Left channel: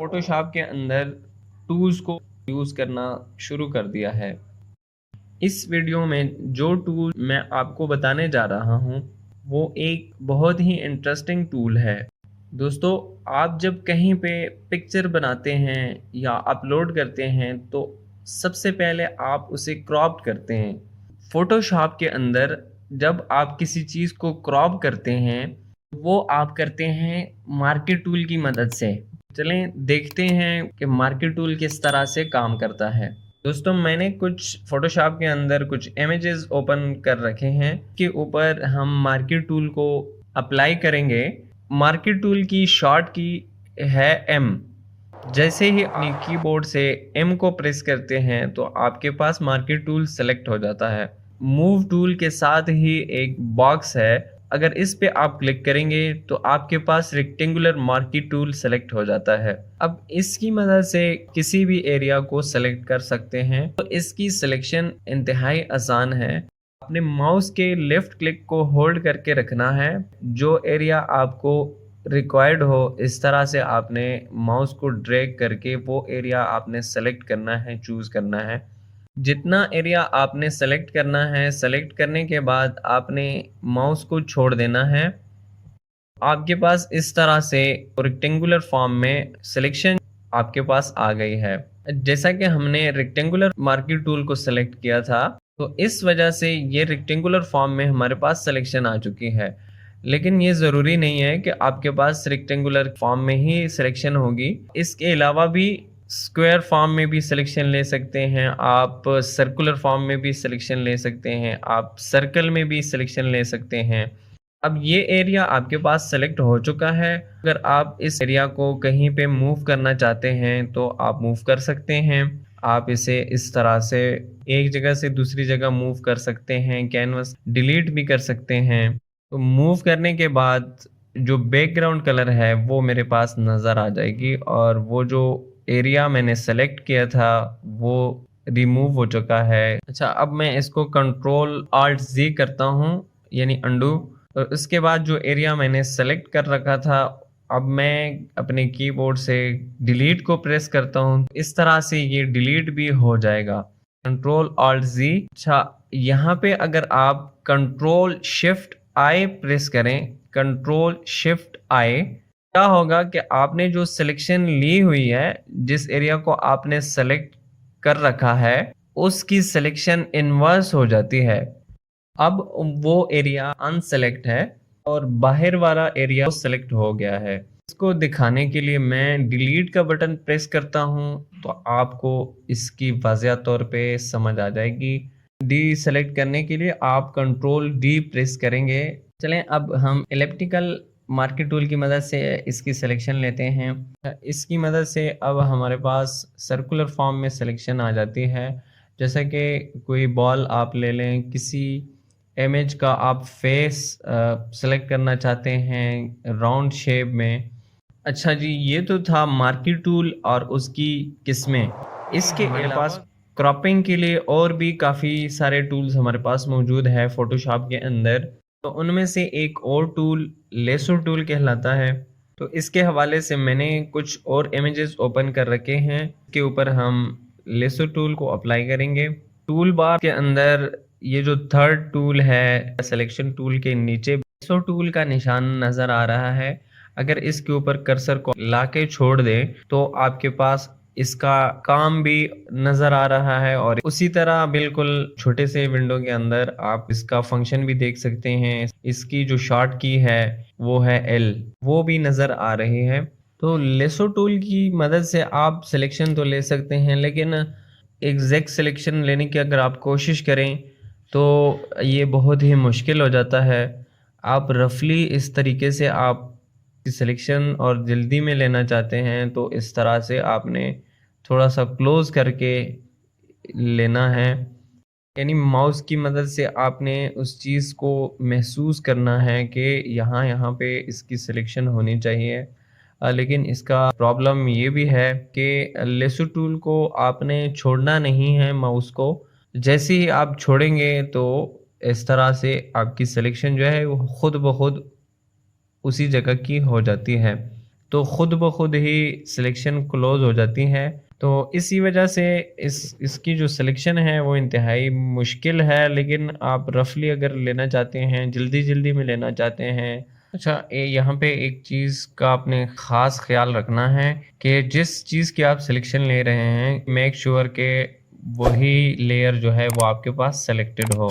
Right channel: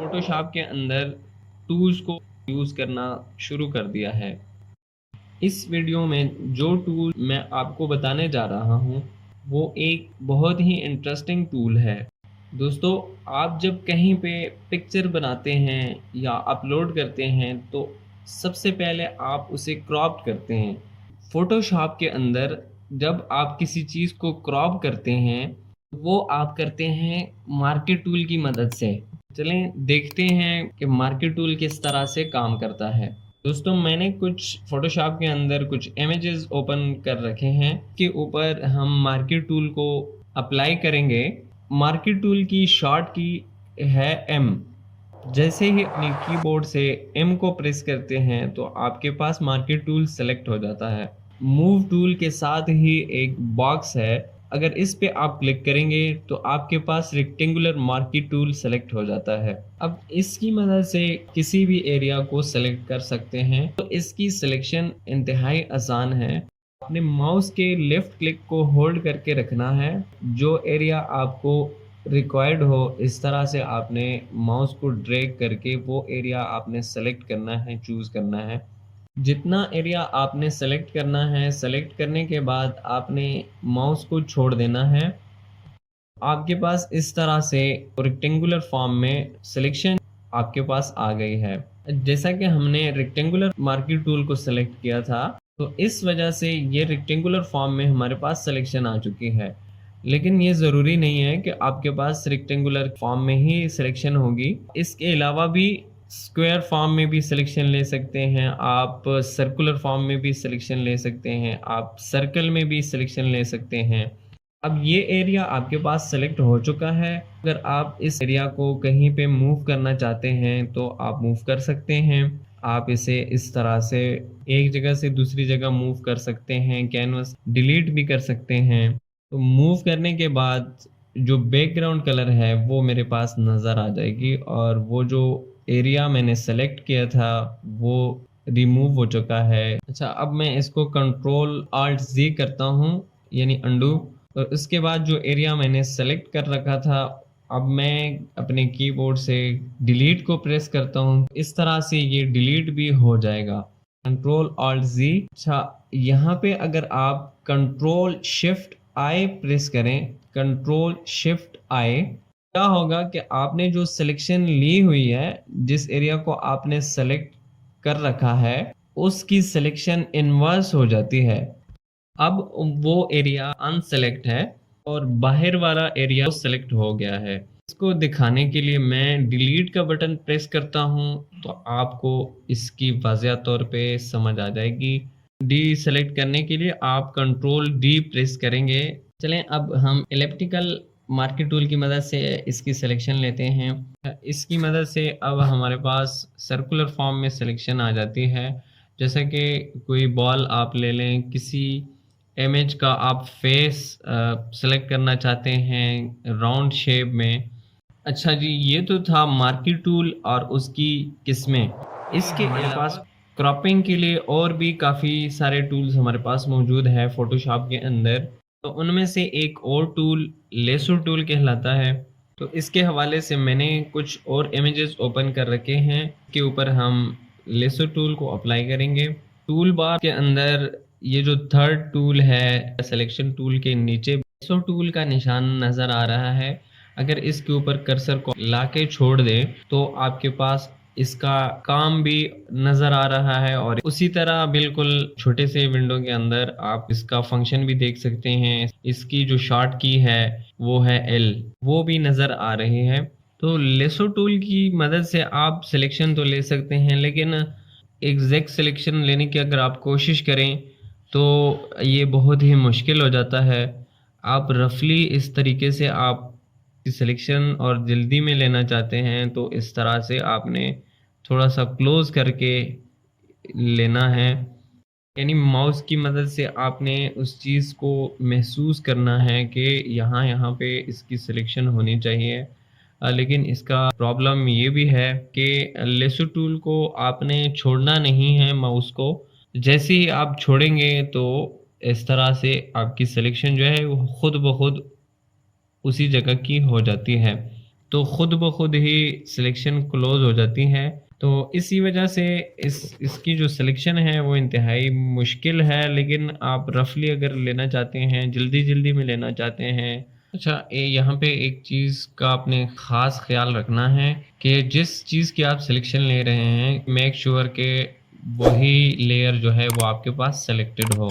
Photoshop के अंदर tools को यूज़ करना शुरू कर दिया है। इस वीडियो में जो टूल मैं आपको बताने जा रहा हूँ, वो एक बहुत ही इंटरेस्टिंग टूल है। दोस्तों, आप जब कहीं पे पिक्चर बनाते हैं या अपलोड करते हैं, तो सबसे पहले आप उसे क्रॉप करते हैं। फ़ोटोशॉप के अंदर जब आप किसी चीज़ को क्रॉप करते हैं, वो आप करते हैं मार्कर टूल की मदद से। चलें देखते हैं कि मार्कर टूल किस तरह से काम करता है। दोस्तों, मैंने कुछ फ़ोटोशॉप के अंदर कुछ इमेजेस ओपन कर रखे हैं। के ऊपर हम मार्कर टूल को अप्लाई करेंगे। मार्कर टूल की शॉर्ट की है एम। जैसे ही अपनी कीबोर्ड से एम को प्रेस करते हैं तो आपके पास मार्कर टूल सेलेक्ट हो जाता है। मूव टूल के साथ ही एक बॉक्स है। अगर इस पे आप क्लिक करेंगे तो आपके पास रेक्टेंगुलर मार्कर टूल सेलेक्ट हो जाता है। अब इसकी मदद से किसी भी एरिया को सेलेक्ट कर सकते हैं। तो इसकी सिलेक्शन इंतहाई आसान है। अपने माउस के लेफ्ट क्लिक को होल्ड करके रखना है। जो एरिया आपको रिक्वायर्ड हो, इस तरह से आपने माउस को ड्रैग करके वो एरिया आपने सेलेक्ट करना है, चूज़ करना है। जितना एरिया आपने सेलेक्ट करना है, सेलेक्ट करने के बाद आपने माउस को छोड़ देना है। आपके पास इस तरह से रेक्टेंगुलर फॉर्म में सिलेक्शन आपके पास आ गई है। जैसा कि हमने रेक्टेंगुलर मार्कर टूल को सेलेक्ट किया था, तो इस वजह से ये रेक्टेंगुलर फॉर्म में हमारे पास सिलेक्शन आ चुकी है। लेकिन ये ज़रूरी नहीं है कि आपके पास रेक्टेंगुलर फॉर्म में ही सिलेक्शन होगी। इसके अलावा भी स्क्वायर फॉर्म में भी सिलेक्शन ले सकते हैं, आप सर्कुलर फॉर्म में भी सिलेक्शन ले सकते हैं, आप सर्कल में भी सिलेक्शन ले सकते हैं। अब ये एरिया आपके पास सेलेक्ट हो चुका है। अगर आप इस एरिया को कहीं पे मूव करना चाहते हैं तो आप मूव कर सकते हैं। आप इसे इस तरह से एक जगह से दूसरी जगह मूव कर सकते हैं, कैनवस डिलीट भी कर सकते हैं। तो मूव करने के बाद जो बैकग्राउंड कलर है वो मेरे पास नज़र आ जाएगी और वो जो एरिया मैंने सेलेक्ट किया था वो रिमूव हो चुका है। अच्छा, अब मैं इसको कंट्रोल ऑल्ट ज़ी करता हूँ, यानी अंडू। और उसके बाद जो एरिया मैंने सेलेक्ट कर रखा था, अब मैं अपने कीबोर्ड से डिलीट को प्रेस करता हूँ। इस तरह से ये डिलीट भी हो जाएगा। कंट्रोल ऑल्ट ज़ी। अच्छा, यहाँ पे अगर आप कंट्रोल शिफ्ट आई प्रेस करें, कंट्रोल शिफ्ट आई, क्या होगा कि आपने जो सिलेक्शन ली हुई है, जिस एरिया को आपने सेलेक्ट कर रखा है, उसकी सिलेक्शन इन्वर्स हो जाती है। अब वो एरिया अनसेलेक्ट है और बाहर वाला एरिया सेलेक्ट हो गया है। इसको दिखाने के लिए मैं डिलीट का बटन प्रेस करता हूं, तो आपको इसकी वाज़िया तौर पे समझ आ जाएगी। डी सेलेक्ट करने के लिए आप कंट्रोल डी प्रेस करेंगे। चलें, अब हम इलिप्टिकल मार्कर टूल की मदद से इसकी सिलेक्शन लेते हैं। इसकी मदद से अब हमारे पास सर्कुलर फॉर्म में सिलेक्शन आ जाती है। जैसा कि कोई बॉल आप ले लें, किसी इमेज का आप फेस सेलेक्ट करना चाहते हैं राउंड शेप में। अच्छा जी, ये तो था मार्कर टूल और उसकी किस्में। इसके हमारे पास क्रॉपिंग के लिए और भी काफ़ी सारे टूल्स हमारे पास मौजूद है फ़ोटोशॉप के अंदर। तो उनमें से एक और टूल लेसो टूल कहलाता है। तो इसके हवाले से मैंने कुछ और इमेजेस ओपन कर रखे हैं, के ऊपर हम लेसो टूल को अप्लाई करेंगे। टूल बार के अंदर ये जो थर्ड टूल है, सिलेक्शन टूल के नीचे लेसो टूल का निशान नज़र आ रहा है। अगर इसके ऊपर कर्सर को लाके छोड़ दें तो आपके पास इसका काम भी नज़र आ रहा है और उसी तरह बिल्कुल छोटे से विंडो के अंदर आप इसका फंक्शन भी देख सकते हैं। इसकी जो शॉर्ट की है वो है एल, वो भी नज़र आ रही है। तो लेसो टूल की मदद से आप सिलेक्शन तो ले सकते हैं, लेकिन एग्जैक्ट सिलेक्शन लेने की अगर आप कोशिश करें तो ये बहुत ही मुश्किल हो जाता है। आप रफली इस तरीके से आप सिलेक्शन और जल्दी में लेना चाहते हैं तो इस तरह से आपने थोड़ा सा क्लोज करके लेना है, यानी माउस की मदद से आपने उस चीज़ को महसूस करना है कि यहाँ यहाँ पे इसकी सिलेक्शन होनी चाहिए। लेकिन इसका प्रॉब्लम ये भी है कि लेसो टूल को आपने छोड़ना नहीं है माउस को। जैसे ही आप छोड़ेंगे तो इस तरह से आपकी सिलेक्शन जो है वो खुद ब खुद उसी जगह की हो जाती है। तो खुद ब खुद ही सिलेक्शन क्लोज हो जाती है। तो इसी वजह से इसकी जो सिलेक्शन है वो इंतहाई मुश्किल है, लेकिन आप रफली अगर लेना चाहते हैं, जल्दी में लेना चाहते हैं। अच्छा, यहाँ पे एक चीज़ का आपने ख़ास ख्याल रखना है कि जिस चीज़ की आप सिलेक्शन ले रहे हैं, मेक श्योर के वही लेयर जो है वो आपके पास सेलेक्टेड हो।